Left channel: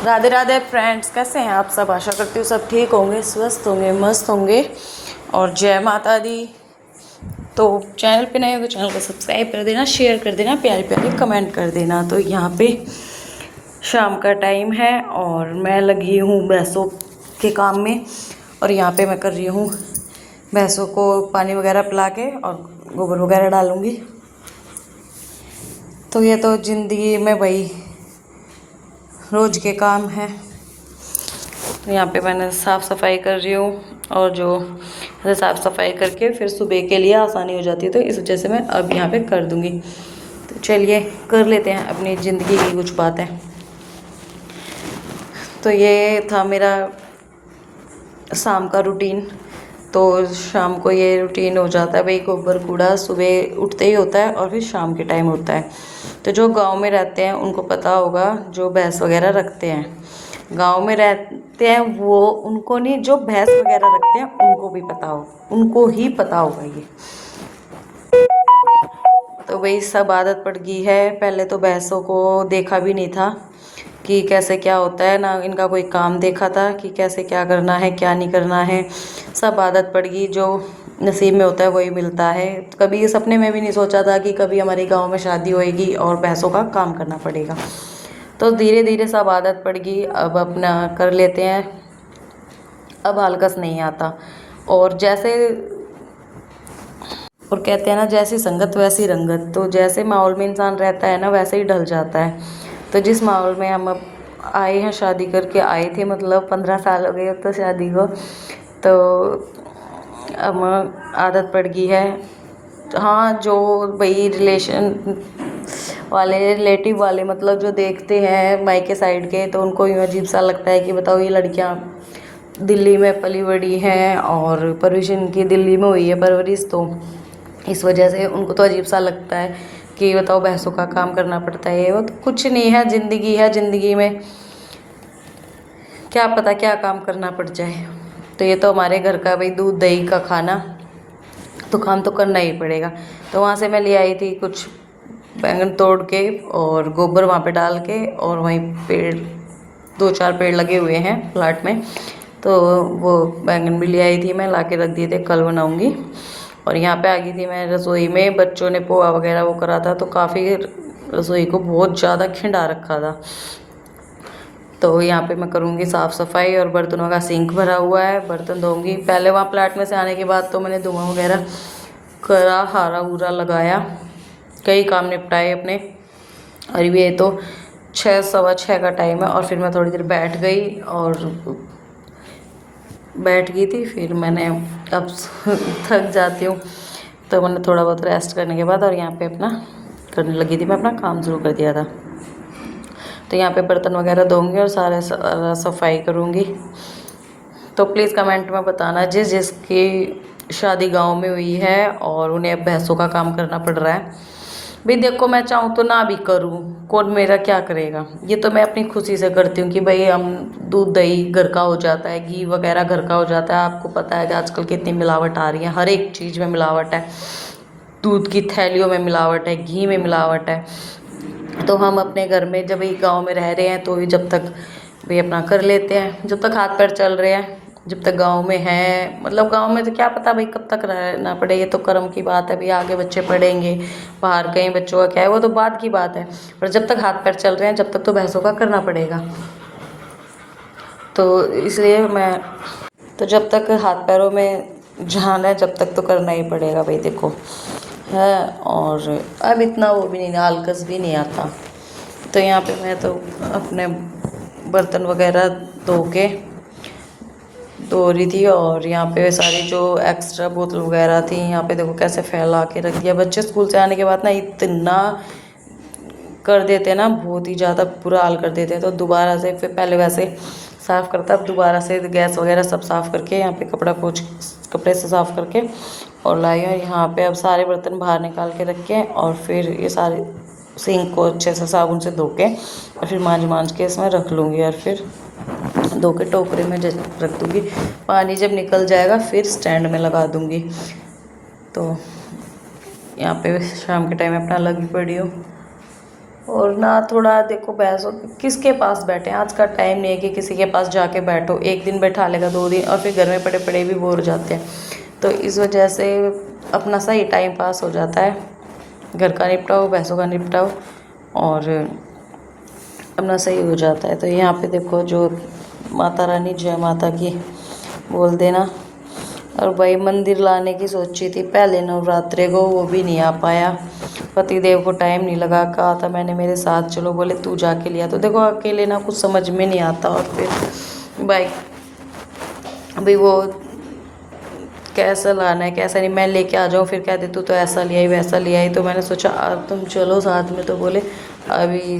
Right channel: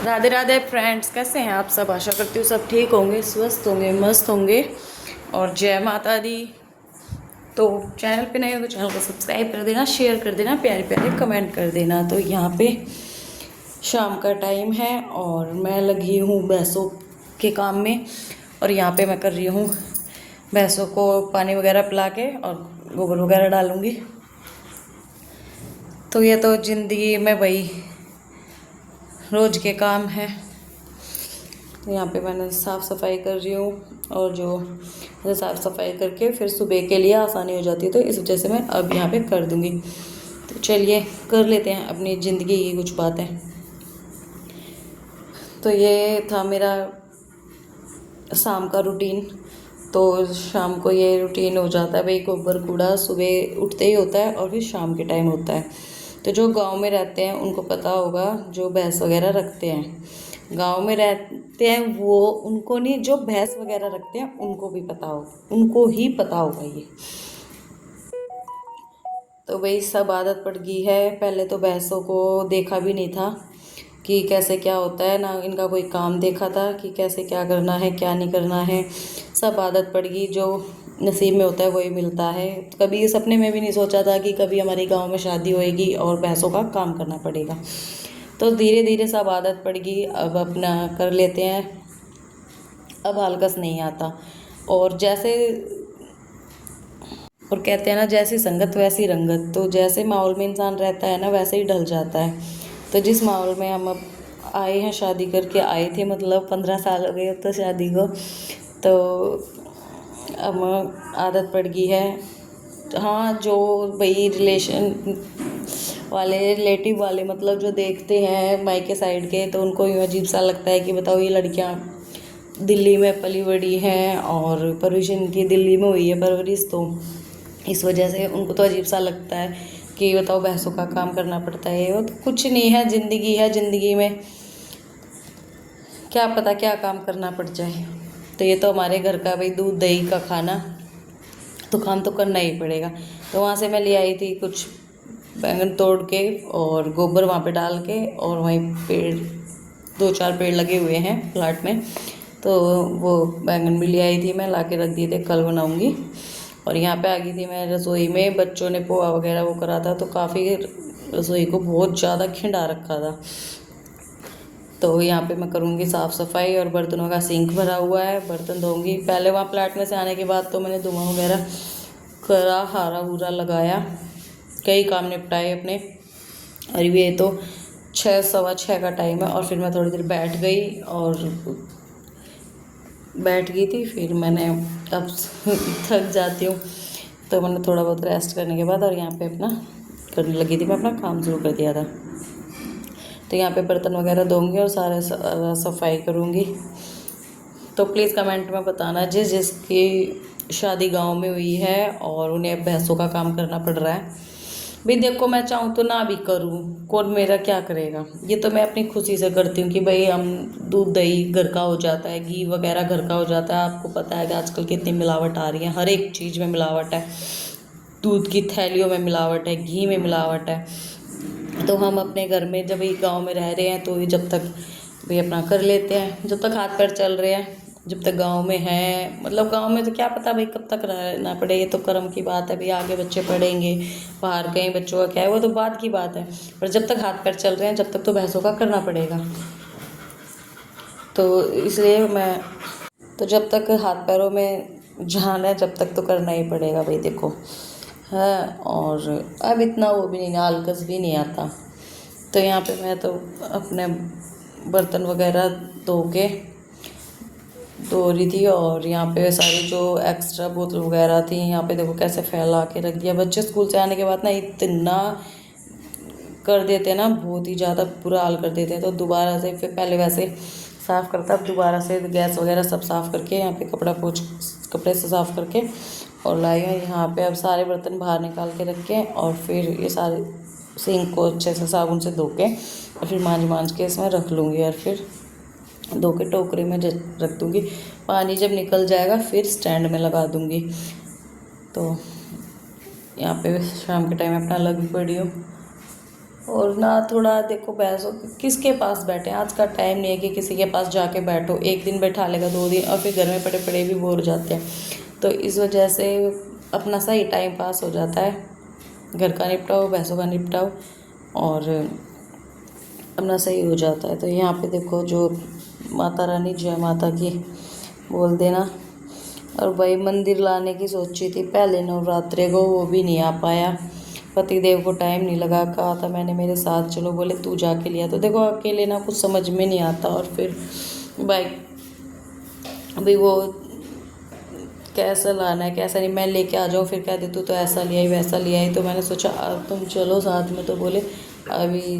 Radhe Radhe friends, कैसे हैं आप सब। आशा करती हूँ सब ठीक होंगे, स्वस्थ होंगे, मस्त होंगे। और जय माता दी। तो चैनल पे नए हो तो चैनल को सब्सक्राइब कर देना, शेयर कर देना, प्यारे प्यारे कमेंट कर देना। तो यहाँ पे शाम का टाइम है और मैं लगी हूँ भैंसों के काम में। और यहाँ पे मैं कर रही हूँ भैंसों को पानी वगैरह पिला के और गोबर वगैरह डालूँगी। तो ये तो ज़िंदगी में भाई रोज़ के काम है। यहाँ पे मैंने साफ़ सफाई कर रही हूँ और जो साफ़ सफाई करके फिर सुबह के लिए आसानी हो जाती है, तो इस वजह से मैं अब यहाँ पे कर दूँगी। तो चलिए कर लेते हैं अपनी ज़िंदगी की कुछ बातें। तो ये था मेरा शाम का रूटीन। तो शाम को ये रूटीन हो जाता है भाई, गोबर कूड़ा सुबह उठते ही होता है और फिर शाम के टाइम होता है। तो जो गांव में रहते हैं उनको पता होगा, जो भैंस वगैरह रखते हैं गांव में रहते हैं वो, उनको नहीं, जो भैंस वगैरह रखते हैं उनको भी पता हो, उनको ही पता होगा ये। तो वही सब आदत पड़ गई है। पहले तो भैंसों को देखा भी नहीं था कि कैसे क्या होता है, ना इनका कोई काम देखा था कि कैसे क्या करना है क्या नहीं करना है। सब आदत पड़ गई, जो नसीब में होता है वही मिलता है। कभी सपने में भी नहीं सोचा था कि कभी हमारे गांव में शादी होएगी और भैंसों का काम करना पड़ेगा। तो धीरे धीरे सब आदत पड़ गई, अब अपना कर लेते हैं, अब आलकस नहीं आता। और जैसे और कहते हैं ना, जैसी संगत वैसी रंगत। तो जैसे माहौल में इंसान रहता है ना, वैसे ही ढल जाता है। तो जिस माहौल में हम अब आए हैं, शादी करके आए थे, मतलब 15 साल हो गए अब तो शादी को, तो अब आदत पड़ गई है। हाँ, जो भाई रिलेशन वाले, रिलेटिव वाले, मतलब जो देखते हैं मायके साइड के, तो उनको यूँ अजीब सा लगता है कि बताओ ये लड़कियाँ दिल्ली में पली बड़ी हैं और परवरिश इनकी दिल्ली में हुई है परवरिश, तो इस वजह से उनको तो अजीब सा लगता है कि बताओ भैंसों का काम करना पड़ता है। वो तो कुछ नहीं है, ज़िंदगी है, ज़िंदगी में क्या पता क्या काम करना पड़ जाए। तो ये तो हमारे घर का भाई दूध दही का खाना, तो काम तो करना ही पड़ेगा। तो वहाँ से मैं ले आई थी कुछ बैंगन तोड़ के और गोबर वहाँ पे डाल के, और वहीं पेड़ 2-4 पेड़ लगे हुए हैं प्लाट में, तो वो बैंगन भी ले आई थी मैं, ला के रख दिए थे, कल बनाऊँगी। और यहाँ पे आ गई थी मैं रसोई में, बच्चों ने पोहा वगैरह वो करा था, तो काफ़ी रसोई को बहुत ज़्यादा खिंडा रखा था। तो यहाँ पे मैं करूँगी साफ़ सफाई, और बर्तनों का सिंक भरा हुआ है, बर्तन धोऊंगी। पहले वहाँ प्लाट में से आने के बाद तो मैंने धुआं वगैरह करा, हारा वूरा लगाया, कई काम निपटाए अपने। और ये तो 6 सवा 6 का टाइम है, और फिर मैं थोड़ी देर बैठ गई, और बैठ गई थी, फिर मैंने अब थक जाती हूँ, तो मैंने थोड़ा बहुत रेस्ट करने के बाद और यहाँ पे अपना करने लगी थी, मैं अपना काम शुरू कर दिया था। तो यहाँ पे बर्तन वगैरह धोऊंगी और सारे सफाई करूँगी। तो प्लीज़ कमेंट में बताना जिस जिसकी शादी गांव में हुई है और उन्हें अब भैंसों का काम करना पड़ रहा है। भाई देखो, मैं चाहूँ तो ना भी करूँ, कौन मेरा क्या करेगा। ये तो मैं अपनी खुशी से करती हूँ कि भाई हम दूध दही घर का हो जाता है, घी वगैरह घर का हो जाता है। आपको पता है कि आजकल कितनी मिलावट आ रही है, हर एक चीज़ में मिलावट है, दूध की थैलियों में मिलावट है, घी में मिलावट है। तो हम अपने घर में जब भी गांव में रह रहे हैं, तो जब तक भी अपना कर लेते हैं, जब तक हाथ पैर चल रहे हैं, जब तक गांव में है। मतलब गांव में तो क्या पता भाई कब तक रहना पड़े, ये तो कर्म की बात है भाई। आगे बच्चे पढ़ेंगे, बाहर कहीं बच्चों का क्या है, वो तो बात की बात है। पर जब तक हाथ पैर चल रहे हैं, जब तक तो भैंसों का करना पड़ेगा। तो इसलिए मैं, तो जब तक हाथ पैरों में जान है, जब तक तो करना ही पड़ेगा भाई, देखो है। और अब इतना वो भी नहीं, आलकस भी नहीं आता। तो यहाँ पे मैं तो अपने बर्तन वगैरह धो रही थी, और यहाँ पे सारी जो एक्स्ट्रा बोतल वगैरह थी, यहाँ पे देखो कैसे फैला के रख दिया। बच्चे स्कूल से आने के बाद ना इतना कर देते हैं ना, बहुत ही ज़्यादा बुरा हाल कर देते हैं। तो दोबारा से फिर पहले वैसे साफ़ करता, अब दोबारा से गैस वगैरह सब साफ़ करके, यहाँ पे कपड़े से साफ़ करके और लाया। यहाँ पे अब सारे बर्तन बाहर निकाल के रख के, और फिर ये सारे सिंक को अच्छे से साबुन से धो के, और फिर मांज के इसमें रख लूँगी, और फिर धो के टोकरे में रख दूँगी। पानी जब निकल जाएगा फिर स्टैंड में लगा दूँगी। तो यहाँ पे शाम के टाइम अपना लगी पड़ी हूँ, और ना थोड़ा देखो बहस किसके पास बैठे, आज का टाइम नहीं है कि किसी के पास जाके बैठो, एक दिन बैठा लेगा 2 दिन और फिर घर में पड़े पड़े भी बोर हो जाते हैं। तो इस वजह से अपना सही टाइम पास हो जाता है, घर का निपटाओ, भैंसों का निपटाओ और अपना सही हो जाता है। तो यहाँ पे देखो जो माता रानी जय माता की बोल देना। और भाई मंदिर लाने की सोची थी पहले नवरात्रे को, वो भी नहीं आ पाया, पतिदेव को टाइम नहीं लगा, कहा था मैंने मेरे साथ चलो, बोले तू जाके लिया। तो देखो अकेले ना कुछ समझ में नहीं आता, और फिर भाई अभी वो कैसा लाना है कैसा नहीं, मैं लेके आ जाऊँ फिर कहते तू तो ऐसा ले आई वैसा ले आई। तो मैंने सोचा अब तुम चलो साथ में, तो बोले अभी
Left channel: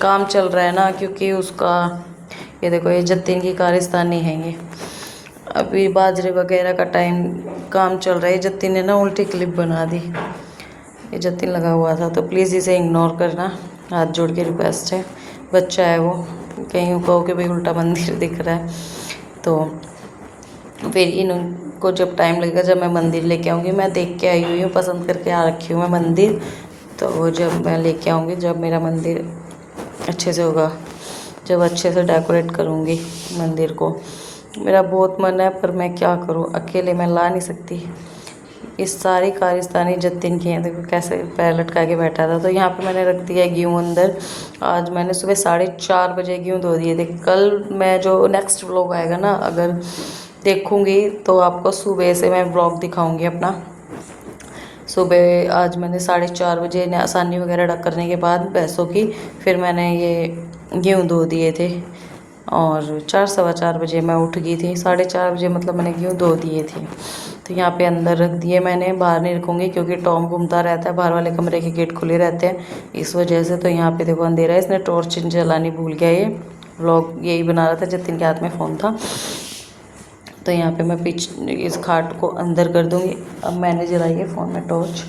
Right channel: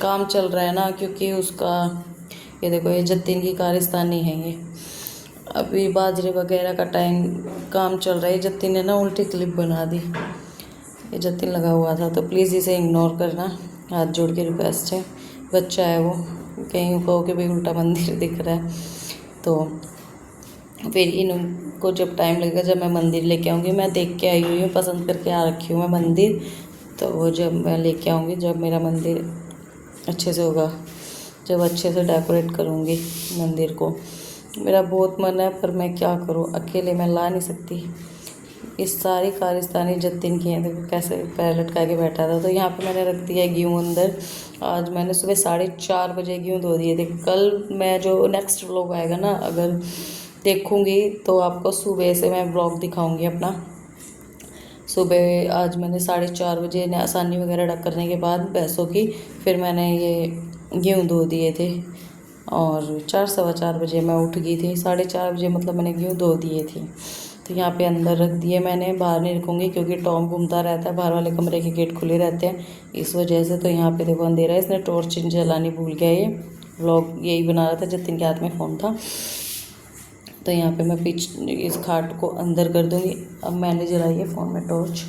काम चल रहा है ना, क्योंकि उसका ये देखो ये जतिन की कारस्तानी है, ये अभी बाजरे वगैरह का टाइम काम चल रहा है। जतिन ने ना उल्टी क्लिप बना दी, ये जतिन लगा हुआ था, तो प्लीज़ इसे इग्नोर करना, हाथ जोड़ के रिक्वेस्ट है, बच्चा है वो, कहीं कहो कि भाई उल्टा मंदिर दिख रहा है। तो फिर इनको जब टाइम लगेगा, जब मैं मंदिर लेके आऊँगी, मैं देख के आई हुई हूँ, पसंद करके आ रखी हूँ मैं मंदिर, तो जब मैं लेके आऊँगी, जब मेरा मंदिर अच्छे से होगा, जब अच्छे से डेकोरेट करूँगी मंदिर को, मेरा बहुत मन है, पर मैं क्या करूँ, अकेले मैं ला नहीं सकती। इस सारी कारस्तानी जतिन की है, देखो कैसे पैर लटका के बैठा था। तो यहाँ पे मैंने रख दिया गेहूँ अंदर, आज मैंने सुबह 4:30 बजे गेहूँ धो दिए थे। कल मैं जो नेक्स्ट व्लॉग आएगा ना, अगर देखूँगी तो आपको सुबह से मैं व्लॉग दिखाऊँगी अपना। सुबह आज मैंने 4:30 बजे आसानी वगैरह करने के बाद भैंसों की, फिर मैंने ये गेहूँ धो दिए थे, और 4 सवा 4 बजे मैं उठ गई थी, 4:30 बजे मतलब मैंने गेहूँ धो दिए थे। तो यहाँ पे अंदर रख दिए मैंने, बाहर नहीं रखूँगी क्योंकि टॉम घूमता रहता है, बाहर वाले कमरे के गेट खुले रहते हैं इस वजह से। तो यहाँ पे देखो अंधेरा है, इसने टॉर्च जलानी भूल गया, ये व्लॉग यही बना रहा था, जतिन के हाथ में फ़ोन था। तो यहाँ पे मैं इस खाट को अंदर कर दूँगी। अब मैंने जलाई है फ़ोन में टॉर्च,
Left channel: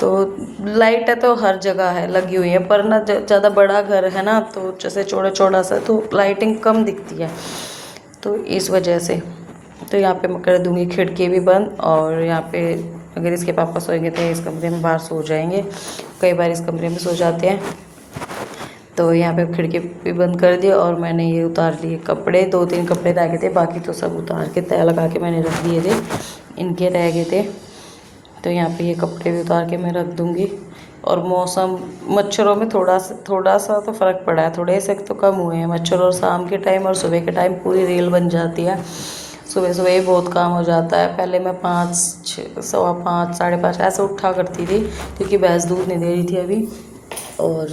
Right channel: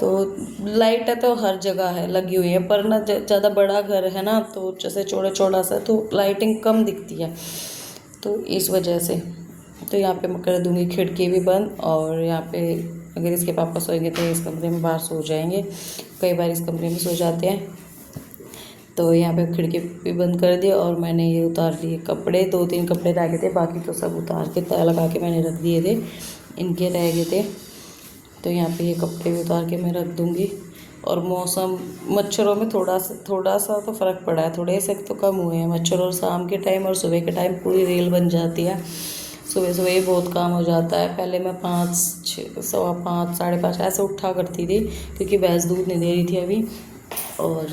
तो लाइट है तो हर जगह है लगी हुई है, पर ना ज़्यादा बड़ा घर है ना, तो जैसे चौड़ा चौड़ा सा, तो लाइटिंग कम दिखती है, तो इस वजह से। तो यहाँ पे मैं कर दूँगी खिड़की भी बंद, और यहाँ पे अगर इसके पापा सोएंगे तो इस कमरे में बाहर सो जाएंगे, कई बार इस कमरे में सो जाते हैं। तो यहाँ पे खिड़की भी बंद कर दी, और मैंने ये उतार लिए कपड़े, 2-3 कपड़े रह गए थे, बाकी तो सब उतार के तय लगा के मैंने रख दिए थे, इनके रह गए थे। तो यहाँ पे ये कपड़े भी उतार के मैं रख दूँगी। और मौसम मच्छरों में थोड़ा सा तो फ़र्क पड़ा है, थोड़े से तो कम हुए हैं मच्छर, और शाम के टाइम और सुबह के टाइम पूरी रेल बन जाती है। सुबह सुबह ही बहुत काम हो जाता है, पहले मैं 5, 5:15, 5:30 ऐसे उठा करती थी, क्योंकि भैंस दूध नहीं दे रही थी अभी। और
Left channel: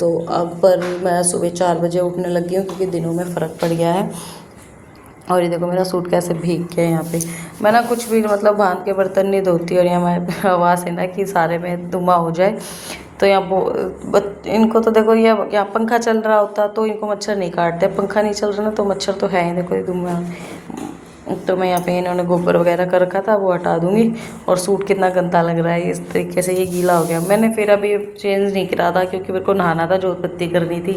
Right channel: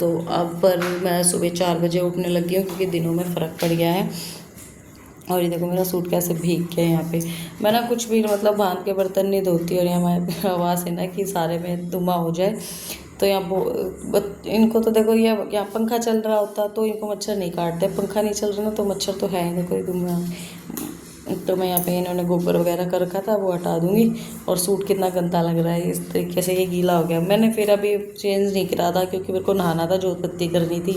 तो अब पर मैं सुबह 4 बजे उठने लगी हूँ, क्योंकि दिनों में फ़र्क पड़ गया है। और ये देखो मेरा सूट कैसे भीग गया है। यहाँ पे मैं ना कुछ भी मतलब भांग के बर्तन नहीं धोती, और यहाँ मैं आवाज़ है ना कि सारे में धुआं हो जाए। तो यहाँ इनको तो देखो, ये यहाँ पंखा चल रहा होता तो इनको मच्छर नहीं काटते, पंखा नहीं चल रहा ना तो मच्छर तो है ही, देखो ये धुआं। तो मैं यहाँ पे इन्होंने गोबर वगैरह कर रखा था, वो हटा दूँगी। और सूट कितना गंदा लग रहा है, इस तरीके से ये गीला हो गया। मैंने फिर अभी चेंज नहीं करा था, क्योंकि मेरे को नहाना था, जोत बत्ती करनी थी,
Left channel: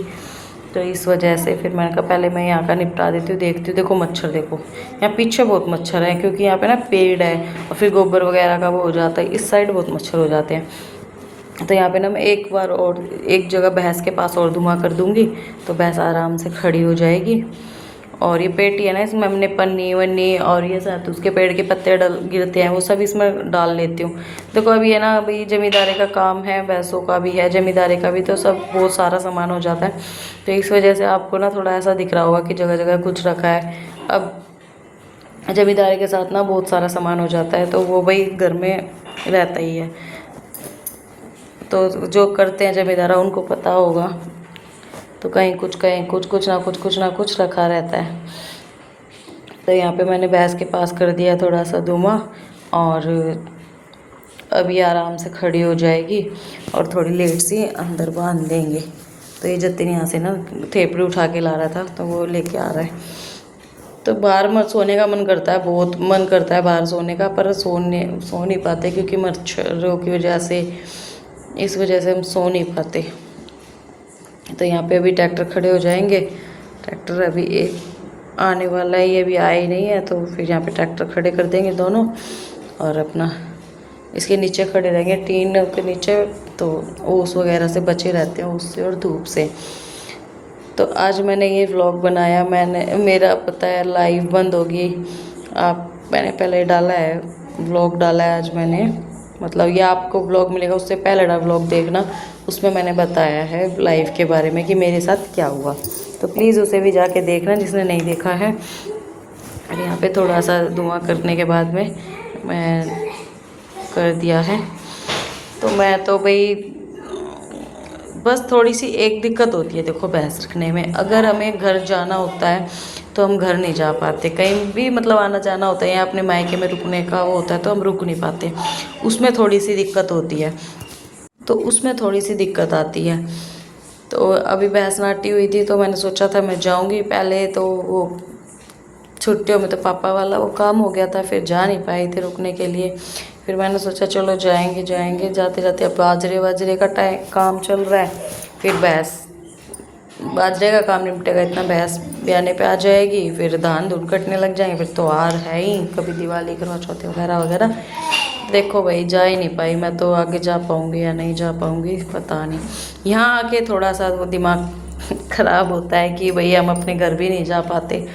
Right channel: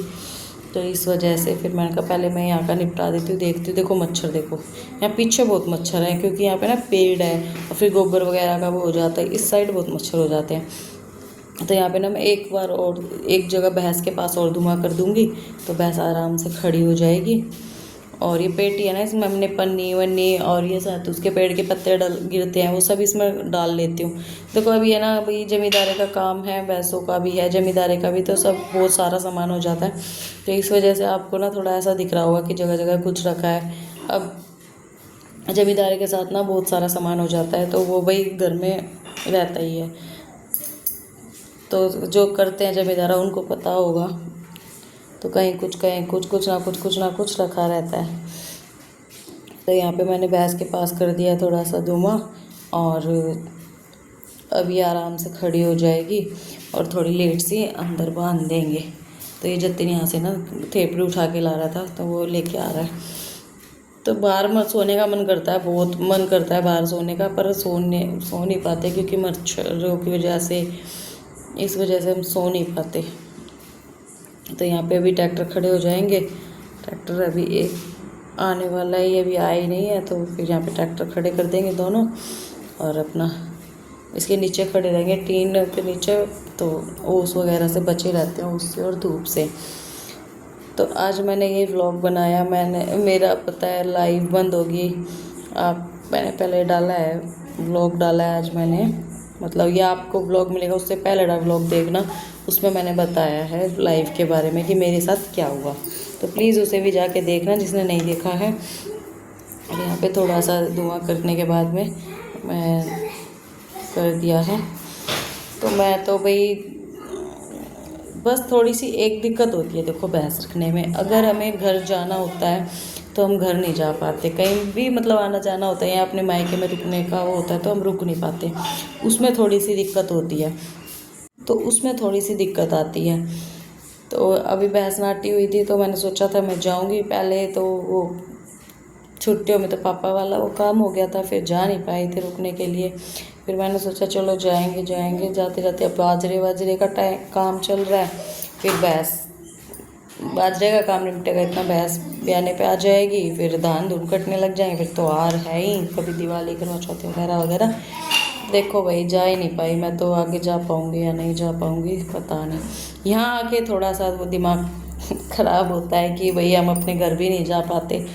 तो इस वजह से फिर मैंने कहा पहले मैं यहाँ का निपटा देती हूँ, देखती हूँ। देखो मच्छर देखो, यहाँ पीछे बहुत मच्छर है, क्योंकि यहाँ पे ना पेड़ है, और फिर गोबर वगैरह का वो हो जाता है, इस साइड बहुत मच्छर हो जाते हैं। तो यहाँ पे ना मैं एक बार और एक जगह भैंस के पास और धुआं कर दूँगी, तो भैंस आराम से खड़ी हो जाएगी। और ये पेटी है ना, इसमें हमने पन्नी वन्नी और ये साथ उसके पेड़ के पत्ते गिरते हैं, वो सब इसमें डाल लेती हूँ। देखो अभी है ना, अभी जमींदारी का काम है, भैंसों का भी है, जमींदारी का भी, तो सब बहुत सारा सामान हो जाता है। तो इस वजह से आपको ना थोड़ा ऐसा दिख रहा होगा कि जगह जगह कुछ रखा है। अब जमींदारी के साथ ना बहुत सारा सामान हो जाता है, तो वो भाई घर में रहता ही है, तो जो करते हैं जमींदारा उनको पता होगा। तो कहीं कुछ कुछ ना कुछ रखा रहता है। तो यहाँ पे मैंने भैंस के पास कर दिया थोड़ा सा धुआं, और अभी आराम से खड़ी हो जाएगी, और थोड़ी लेट सी अंदर बांध देंगे। तो ये जतिन यहाँ से ना थेपड़ी उठा के ला रहा था, तो वो लेके आ रहा है। तो बाहर मत सोने का मन करता है, बहुत मन करता है बाहर सोने का, पर सो नहीं पाते, क्योंकि मच्छरों की वजह से, इस वजह से हम सो नहीं पाते। तो यहाँ पे अभी ट्रैक्टर खड़े हो जाएंगे, ट्रैक्टर अभी एक आने वाला है, ये अभी आया ही नहीं है, तो फिर यहाँ पे ट्रैक्टर खड़े कर देंगे दोनों, और अपना इसके नीचे खड़े रहेंगे, टीन के नीचे तो ओस वगैरह से बचे रहते हैं, उससे और धूप से। तो आज मैंने ये व्लॉग बनाया। मेरा पता है लाइव बंद होगी, मैंने पहले डाला है व्लॉग, डाला है आज मैंने, मतलब ये आपको व्लॉग मिलेगा, उससे पहले व्लॉग देखना, उसमें मैंने बताया है लाइव के बारे में कि मेरे साथ क्या हुआ। तो प्लीज़ उसे भी जाके देखना जिसने नहीं देखा है। और यहाँ पे थोड़ा सा धुआं करने के बाद में मैं कर दिया है। तो मैं तो भाई बस थोड़ी सी एक दिक्कत होती है, देखो भैंस रखने में, अगर हमें घर जाना होता है तो हम घर नहीं जा पाते, कहीं भी मतलब आना जाना होता है या अपने मायके में रुकने का वो होता है तो हम रुक नहीं पाते, उसमें थोड़ी सी दिक्कत होती है, तो उसमें थोड़ी सी दिक्कत आती है। तो अभी भैंस नाटी हुई थी तो मैंने सोचा था मैं जाऊंगी पहले, तो वो छुट्टियों में तो पापा वाला वो काम हो गया था, फिर जा नहीं पाई थी रुकने के लिए। फिर मैंने सोचा चलो जाएंगे जाएंगे, जाते जाते अब बाजरे का काम चल रहा है, फिर भैंस बाजरे का काम निपटेगा, इतना भैंस ब्याने पे आ जाएगी, फिर धान धून कटने लग जाएंगे, फिर तो त्योहार है ही, कभी दिवाली करवा चौथ वगैरह वगैरह। देखो भाई जा ही नहीं पाई मैं, तो आगे जा पाऊँगी या नहीं जा पाऊँगी पता नहीं। यहाँ आके थोड़ा सा वो दिमाग ख़राब होता है कि भाई हम अपने घर भी नहीं जा पाते।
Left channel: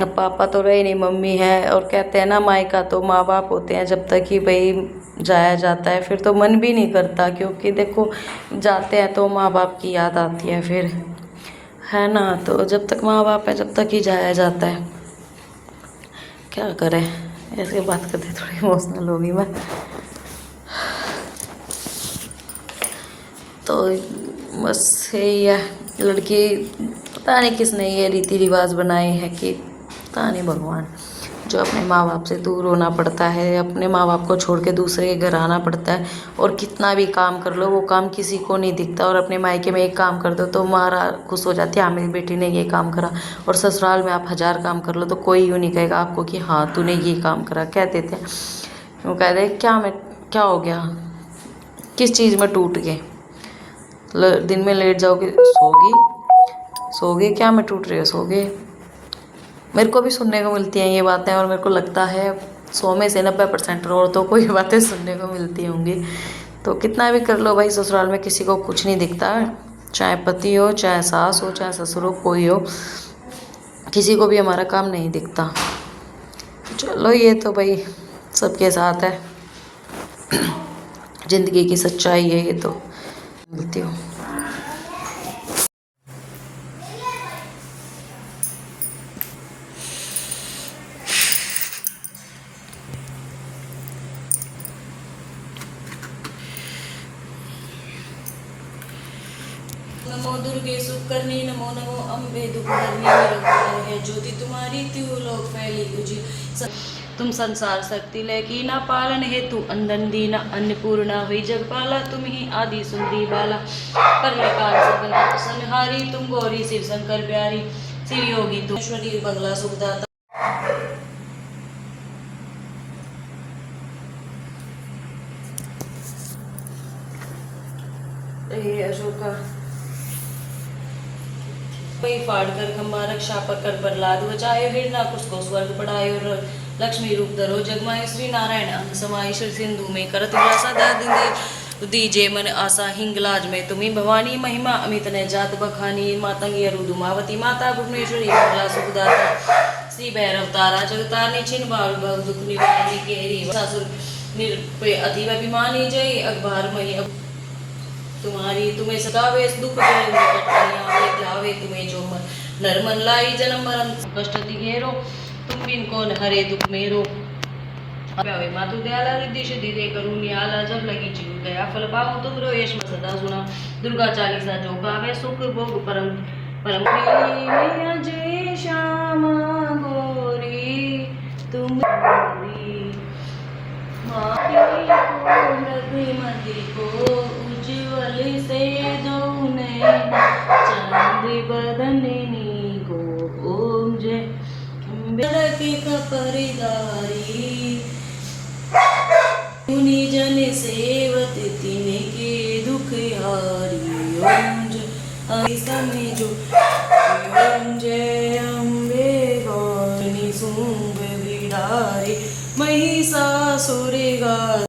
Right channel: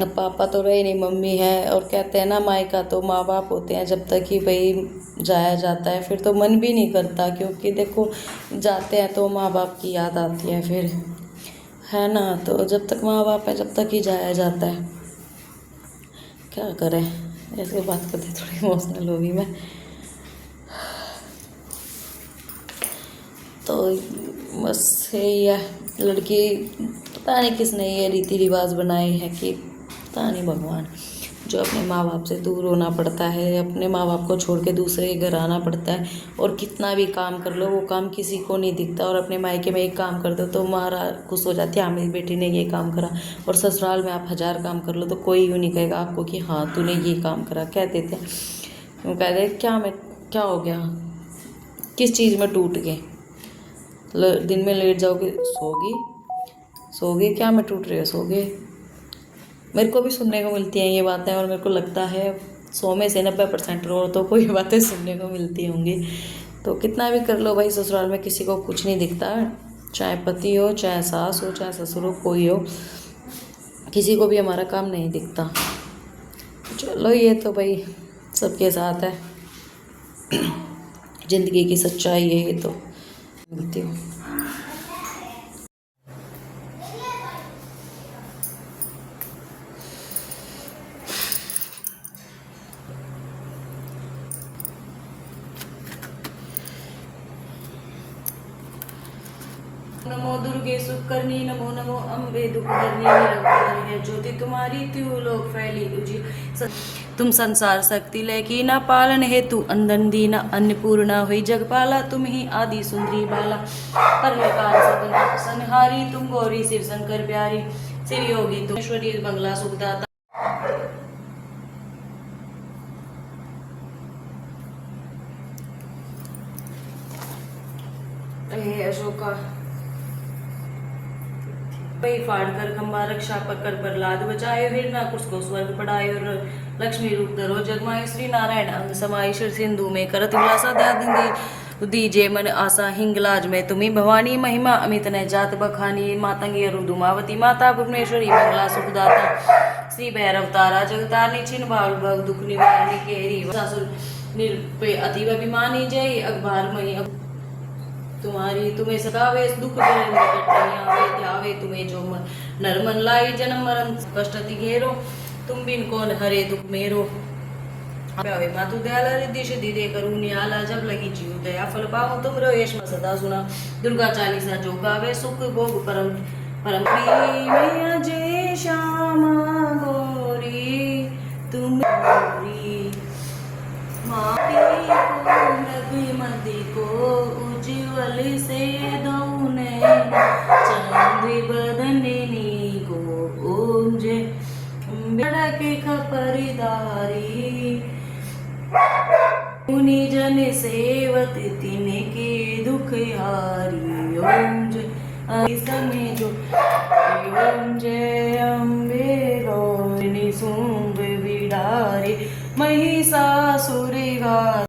अब पापा तो रहे नहीं, मम्मी है, और कहते हैं ना मायका तो माँ बाप होते हैं, जब तक कि भाई जाया जाता है फिर तो मन भी नहीं करता, क्योंकि देखो जाते हैं तो माँ बाप की याद आती है फिर, है ना। तो जब तक माँ बाप है जब तक ही जाया जाता है, क्या करें। ऐसे बात करते थोड़ी इमोशनल हो गई मैं। तो बस यही है, लड़की पता नहीं किसने ये रीति रिवाज बनाए हैं कि पता नहीं भगवान, जो अपने माँ बाप से दूर होना पड़ता है, अपने माँ बाप को छोड़ के दूसरे के घर आना पड़ता है, और कितना भी काम कर लो वो काम किसी को नहीं दिखता, और अपने मायके में एक काम कर दो तो मारा खुश हो जाती है, हाँ मेरी बेटी ने ये काम करा, और ससुराल में आप 1000 काम कर लो तो कोई यूँ नहीं कहेगा आपको कि हाँ तूने ये काम करा। कह देते हैं, वो कहते हैं क्या हो गया, किस चीज़ में टूट गए, दिन में लेट जाओगे सोगे क्या में टूट रहे हो, सोगे। मेरे को भी सुनने को मिलती हैं ये बातें, और मेरे को लगता है 100 में से 90% औरतों को ये बातें सुनने को मिलती होंगी। तो कितना भी कर लो भाई, ससुराल में किसी को कुछ नहीं दिखता, चाहे पति हो, चाहे सास हो, चाहे ससुर हो, कोई हो, किसी को भी हमारा काम नहीं दिखता। चलो ये तो भाई सबके साथ है, ज़िंदगी की सच्चाई है ये तो, बोलती हूँ। नमो दुर्गे सुकर्णी, नमो नमो अम्बे दुखहरणी, निरंतर है ज्योति तुम्हारी, त्यू लोक फैली उजी। तुम संसार शक्ति लैकी ना पालन हेतु अंदन दीना, अन्नपूर्णा हुई जगपाला, तुम ही आदि सुंदरी बाला, परमेकार सगुना संहारी, तुम गौरी शिव शंकर प्यारी, शिव योगी तुम ईश्वरी मंगला सुखदाता। अशोका पई फाड़ कर खंबा रक्षा पकड़ प्रहलाद बचायो, हिरणाकुश को स्वर्ग पढ़ायो, लक्ष्मी रूप धरो जगमायो, श्री नारायण अंग समाई, शिर सिंधु में करत विलासा दादी दीजे मन आशा, हिंगलाज में तुम्ही भवानी, महिमा अमित न जात बखानी, मातंगी रुदुमावती माता भुवनेश्वरी मंगला सुखदाता, श्री भैरव तारा जगतानी, छिन भाव भव दुख निवारणी, केरी सासुर निरपे अतीव अभिमानी, जय अखबार मही तुम्हारी, तुम्हें सतावे दुख ध्यावे, तुम्हें जो मन नरमन लाई, जन्म मरम कष्ट घेरो, तुम बिन कौन हरे दुख मेरो, मातु दयाला रिद्धि सिद्धि दे करुणी आला, जब लगी जीव दया फल पाऊं तुम रो यश सदा सुना, दुर्गा चालीसा जो गावे सुख भोग परम परम मैया, जय श्यामा गौरी तुम माटी को रघुमति को उज्ज्वल से दो नैना, चांद बदननी को ओम जय बड़क कपरदारी, मुनि जन सेवत तिनके दुख हारी, ओम जय समय जो ओम जय अम्बे गौरी शुंभ बिडारी, महिषासुर गा